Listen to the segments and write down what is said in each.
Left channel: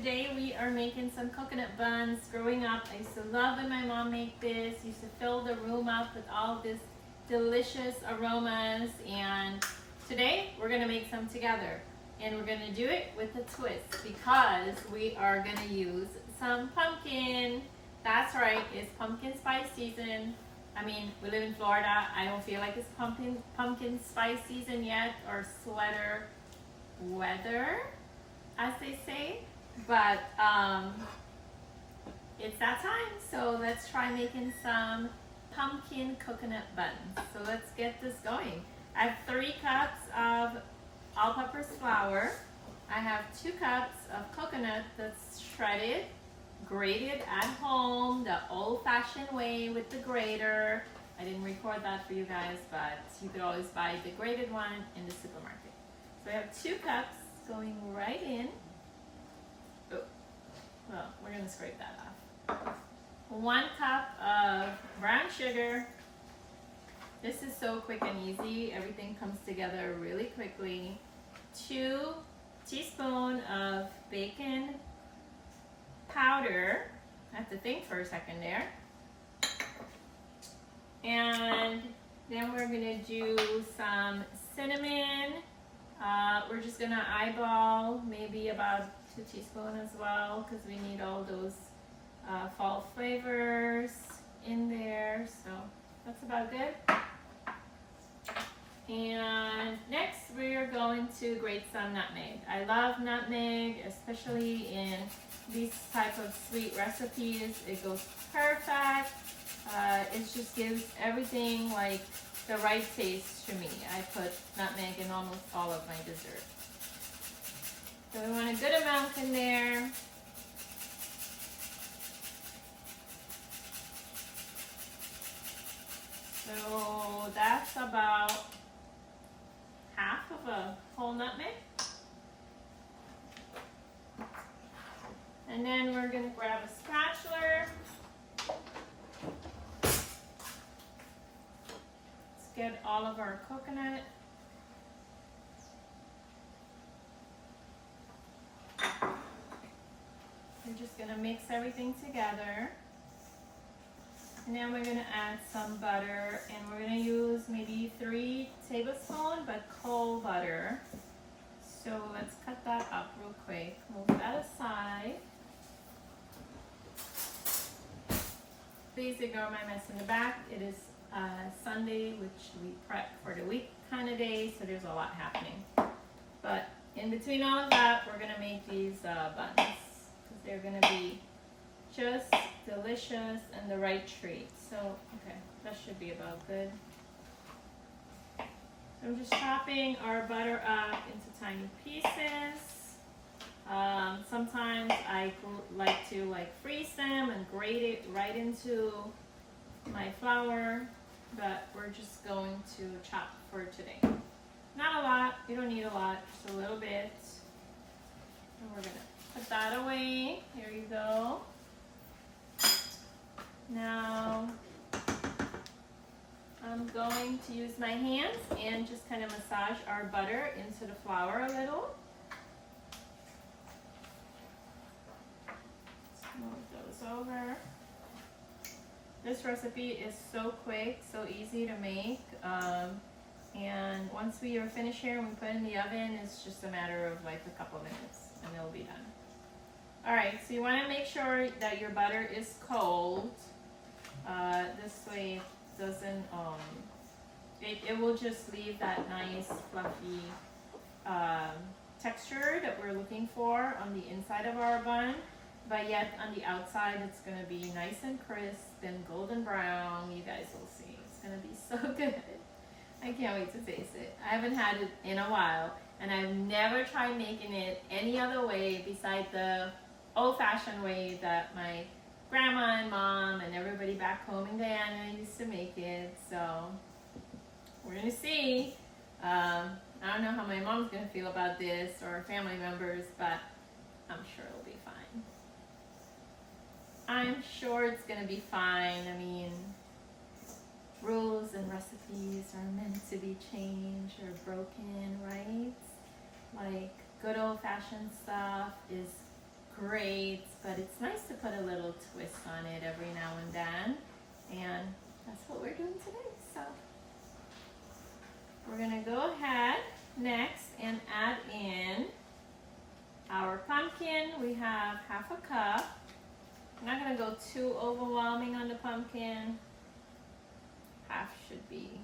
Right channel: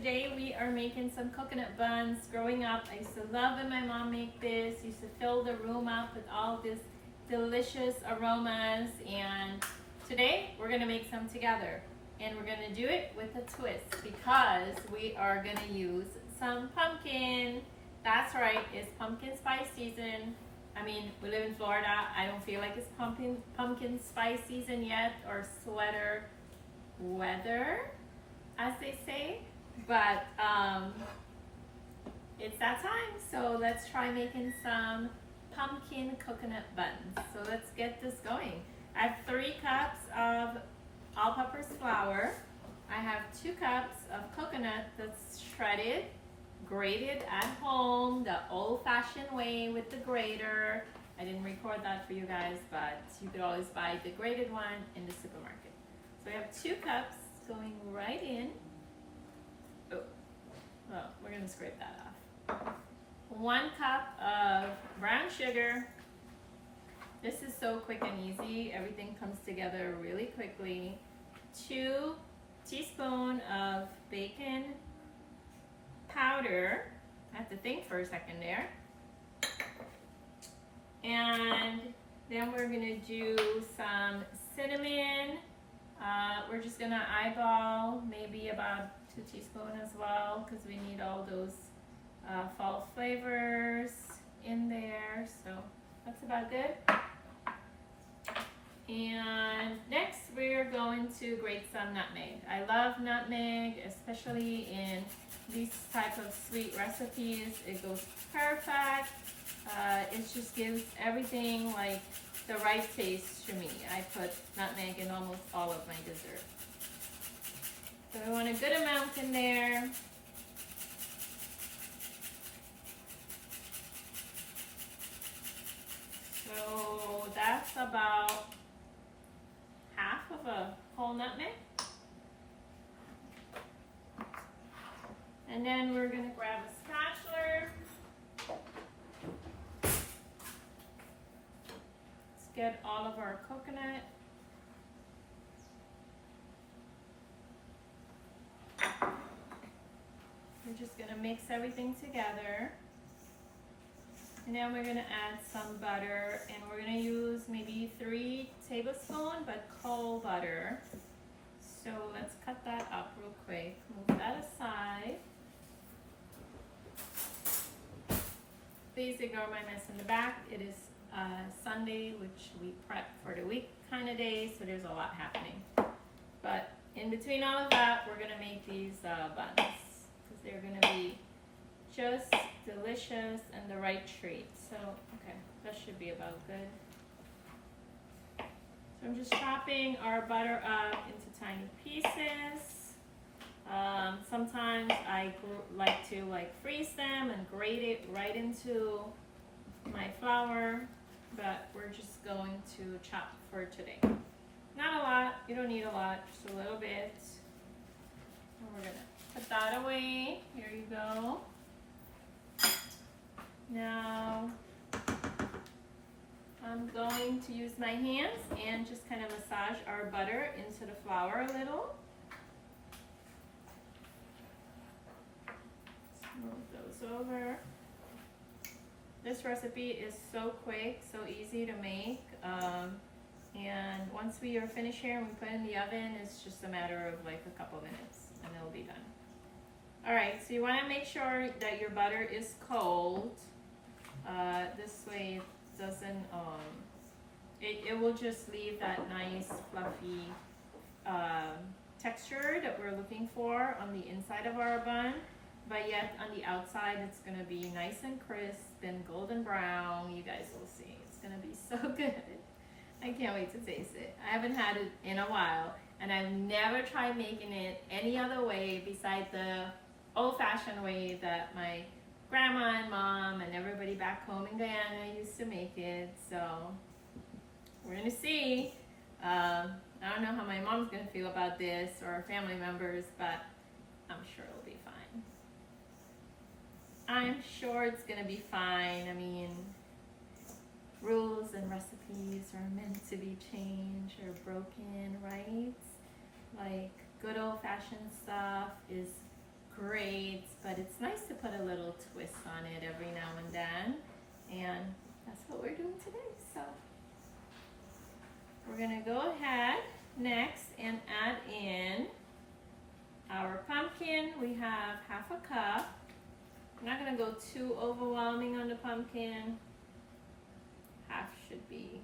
today we are making some coconut buns. Growing up, I used to love when my mom made this. Used to fill the room up with all this delicious aromas, and today we're gonna make some together. And we're gonna do it with a twist because we are gonna use some pumpkin. That's right, it's pumpkin spice season. I mean, we live in Florida. I don't feel like it's pumpkin spice season yet, or sweater weather, as they say, but it's that time. So let's try making some pumpkin coconut buns. So let's get this going. I have 3 cups of all-purpose flour. I have 2 cups of coconut that's shredded, grated at home, the old-fashioned way with the grater. I didn't record that for you guys, but you could always buy the grated one in the supermarket. So we have 2 cups going right in. Oh, well, we're gonna scrape that off. 1 cup of brown sugar. This is so quick and easy. Everything comes together really quickly. 2 teaspoons of baking powder. I have to think for a second there. And then we're gonna do some cinnamon. We're just gonna eyeball maybe about 2 teaspoons as well, because we need all those fall flavors in there. So that's about good. And next we're going to grate some nutmeg. I love nutmeg, especially in these type of sweet recipes. It goes perfect. It just gives everything like the right taste to me. I put nutmeg in almost all of my desserts. So we want a good amount in there. So that's about half of a whole nutmeg. And then we're going to grab a spatula. Let's get all of our coconut. We're just going to mix everything together. And then we're going to add some butter, and we're going to use maybe 3 tablespoons, but cold butter. So let's cut that up real quick. Move that aside. Please ignore my mess in the back. It is Sunday, which we prep for the week kind of day, so there's a lot happening. But in between all of that, we're going to make these buns, because they're going to be just delicious and the right treat. So, okay, that should be about good. So I'm just chopping our butter up into tiny pieces. Sometimes I like to freeze them and grate it right into my flour, but we're just going to chop for today. Not a lot, you don't need a lot, just a little bit. And we're gonna put that away. Here you go. Now, I'm going to use my hands and just kind of massage our butter into the flour a little. Move those over. This recipe is so quick, so easy to make. And once we are finished here and we put it in the oven, it's just a matter of like a couple minutes and it'll be done. All right, so you want to make sure that your butter is cold. This way it doesn't, it will just leave that nice fluffy texture that we're looking for on the inside of our bun, but yet on the outside it's going to be nice and crisp and golden brown. You guys will see. It's going to be so good. I can't wait to taste it. I haven't had it in a while, and I've never tried making it any other way besides the old-fashioned way that my grandma and mom and everybody back home in Guyana used to make it. So we're gonna see. I don't know how my mom's gonna feel about this, or family members, but I'm sure it'll be fine. I'm sure it's gonna be fine. I mean, rules and recipes are meant to be changed or broken, right? Like good old-fashioned stuff is great, but it's nice to put a little twist on it every now and then. And that's what we're doing today. So we're gonna go ahead next and add in our pumpkin. We have half a cup. I'm not gonna go too overwhelming on the pumpkin. Half should be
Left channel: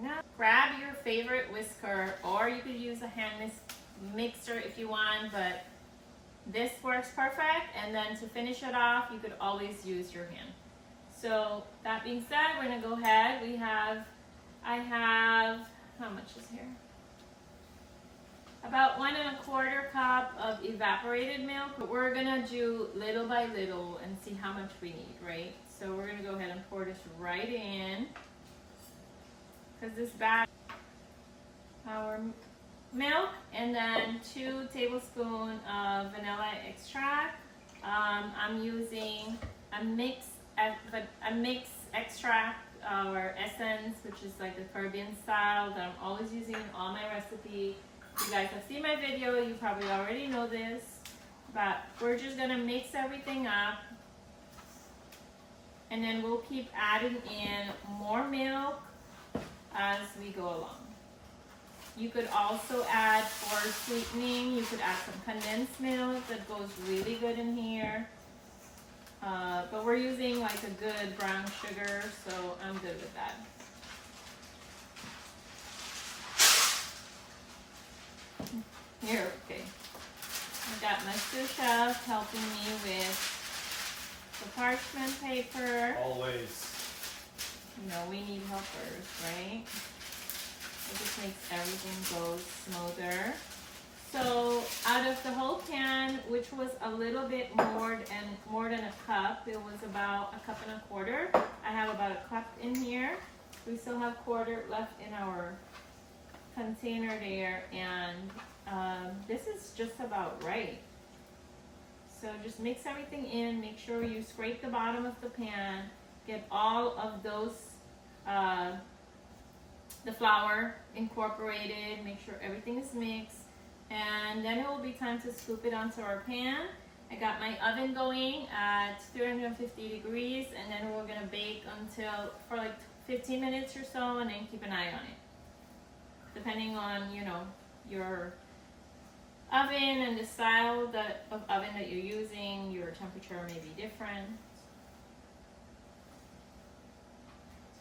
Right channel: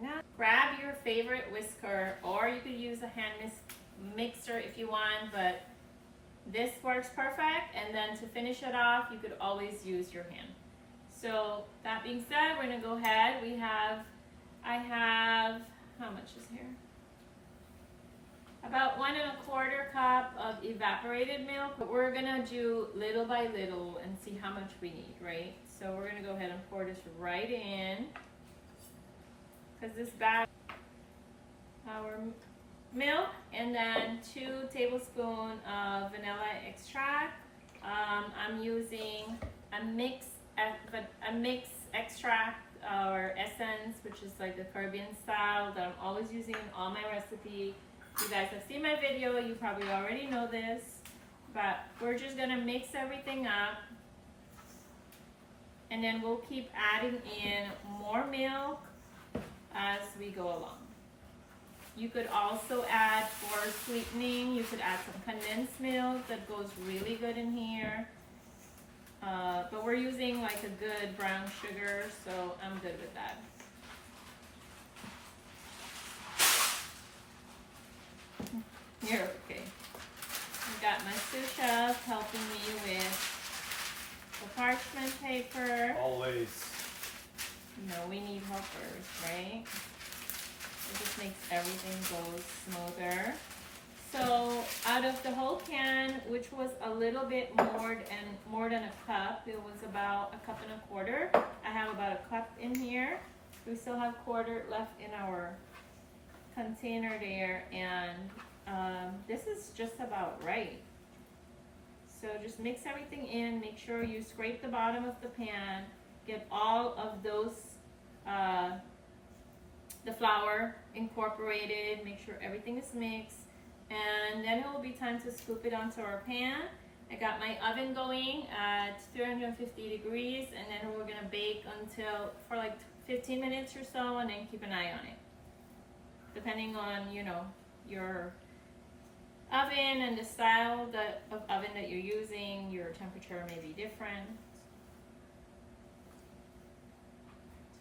enough. Grab your favorite whisker, or you could use a hand mixer if you want, but this works perfect. And then to finish it off, you could always use your hand. So that being said, we're gonna go ahead. I have, how much is here? About 1 1/4 cup of evaporated milk. But we're gonna do little by little and see how much we need, right? So we're gonna go ahead and pour this right in, because this batch, our milk, and then 2 tablespoons of vanilla extract. I'm using a mix extract or essence, which is like the Caribbean style that I'm always using in all my recipes. You guys have seen my video, you probably already know this, but we're just gonna mix everything up, and then we'll keep adding in more milk as we go along. You could also add, for sweetening, you could add some condensed milk. That goes really good in here. But we're using like a good brown sugar, so I'm good with that. You're okay. I got my sous chef helping me with the parchment paper. Always. You know, we need helpers, right? It just makes everything go smoother. So out of the whole pan, which was a little bit more than a cup, it was about 1 1/4 cups. I have about a cup in here. We still have 1/4 left in our container there, and this is just about right. So just mix everything in. Make sure you scrape the bottom of the pan. Get all of those, the flour incorporated. Make sure everything is mixed. And then it will be time to scoop it onto our pan. I got my oven going at 350 degrees, and then we're gonna bake for like 15 minutes or so, and then keep an eye on it. Depending on, you know, your oven and the style of oven that you're using, your temperature may be different.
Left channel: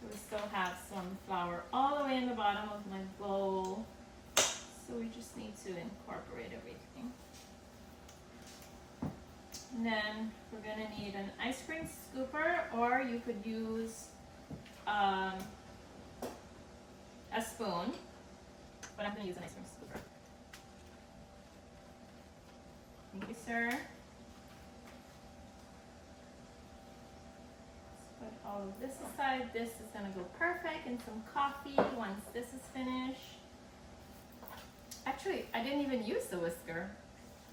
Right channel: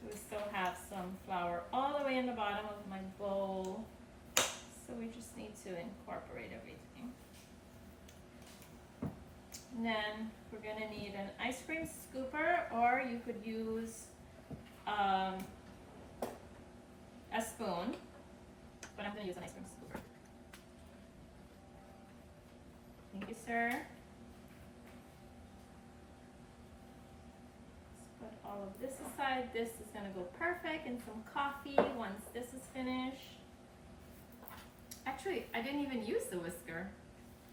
So we still have some flour all the way in the bottom of my bowl. So we just need to incorporate everything. And then we're gonna need an ice cream scooper, or you could use a spoon, but I'm gonna use an ice cream scooper. Thank you, sir. Let's put all of this aside. This is gonna go perfect in some coffee once this is finished. Actually, I didn't even use the whisker.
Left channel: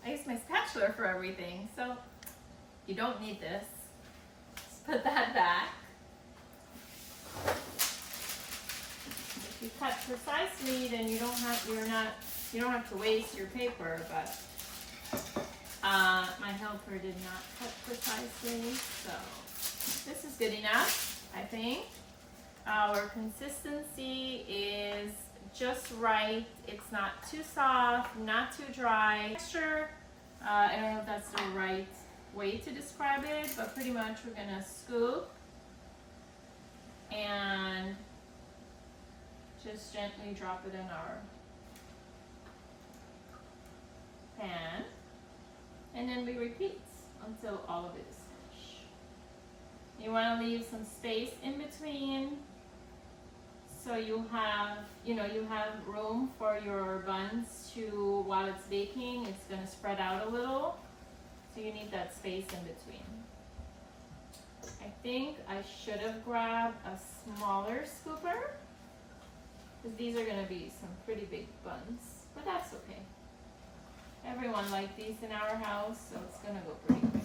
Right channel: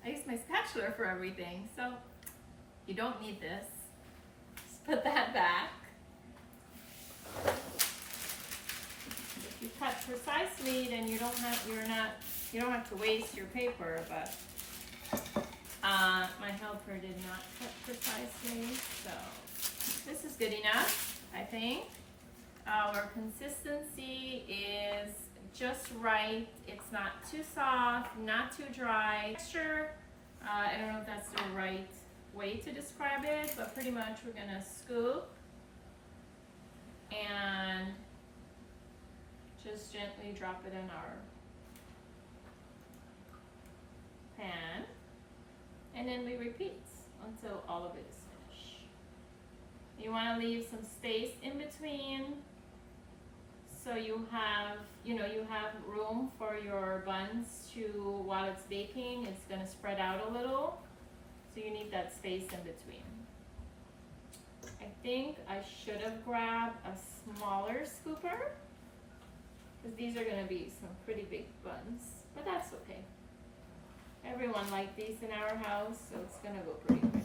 I used my spatula for everything, so you don't need this. Just put that back. If you cut precisely, then you don't have to waste your paper, but my helper did not cut precisely, so this is good enough, I think. Our consistency is just right. It's not too soft, not too dry. Texture, I don't know if that's the right way to describe it, but pretty much we're gonna scoop and just gently drop it in our pan, and then we repeat until all of it is finished. You want to leave some space in between, so you have room for your buns to, while it's baking, it's going to spread out a little. So you need that space in between. I think I should have grabbed a smaller scooper, because these are going to be some pretty big buns, but that's okay. Everyone likes these in our house, so it's going to go pretty quick.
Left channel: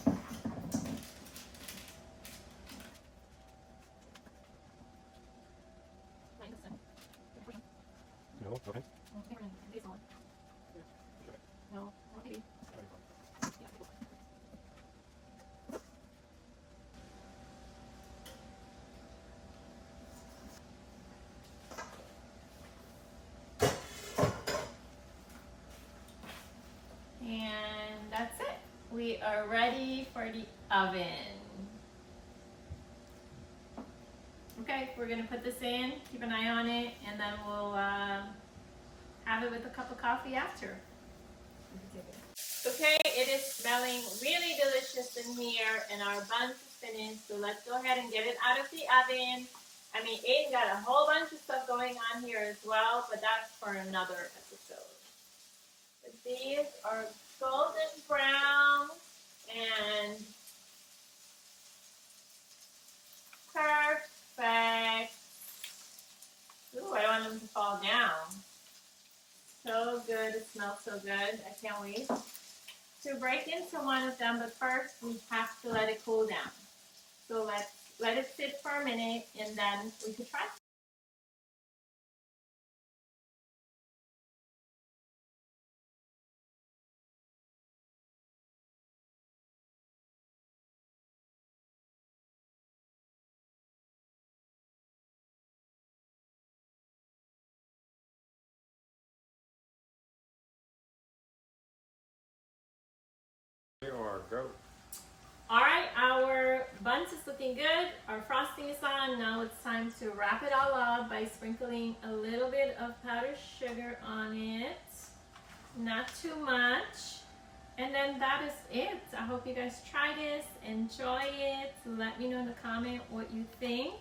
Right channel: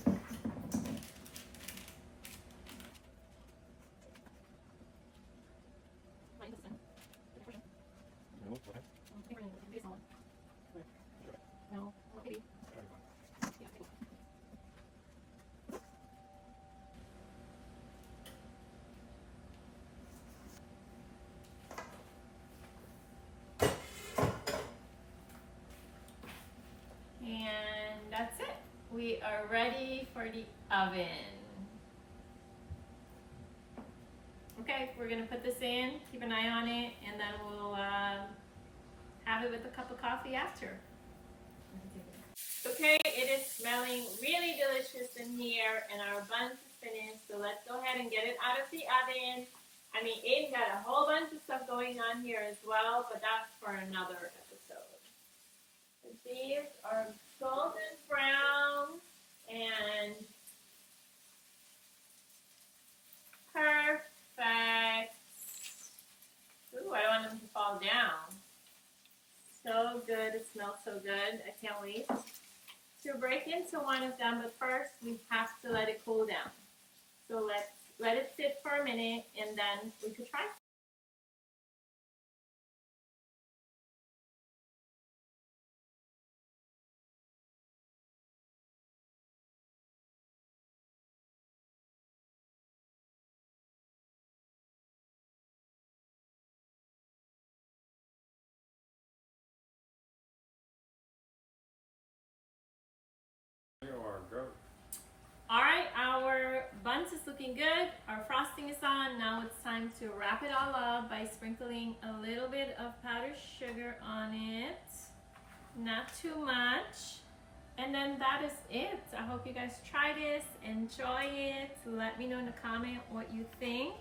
ready for the oven. Okay, we're gonna put this in, keep an eye on it, and then we'll have it with a cup of coffee after. Okay, it is smelling really delicious in here, and our buns are finished, so let's go ahead and get it out of the oven. I mean, Aiden got a whole bunch of stuff going on here as well, but that's for another episode. But these are golden brown and perfect. Ooh, I don't want them to fall down. So good, it smells so good. I can't wait to break into one of them, but first we have to let it cool down. So let's let it sit for a minute and then we could try. All right, our buns is looking good. Our frosting is on. Now it's time to wrap it all up by sprinkling a little bit of powdered sugar on it. Not too much. And then that is it. I hope you guys try this, enjoy it. Let me know in the comment what you think.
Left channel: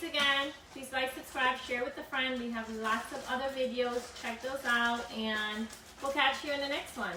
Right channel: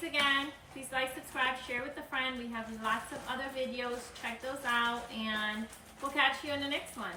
Thanks again. Please like, subscribe, share with a friend. We have lots of other videos. Check those out, and we'll catch you in the next one.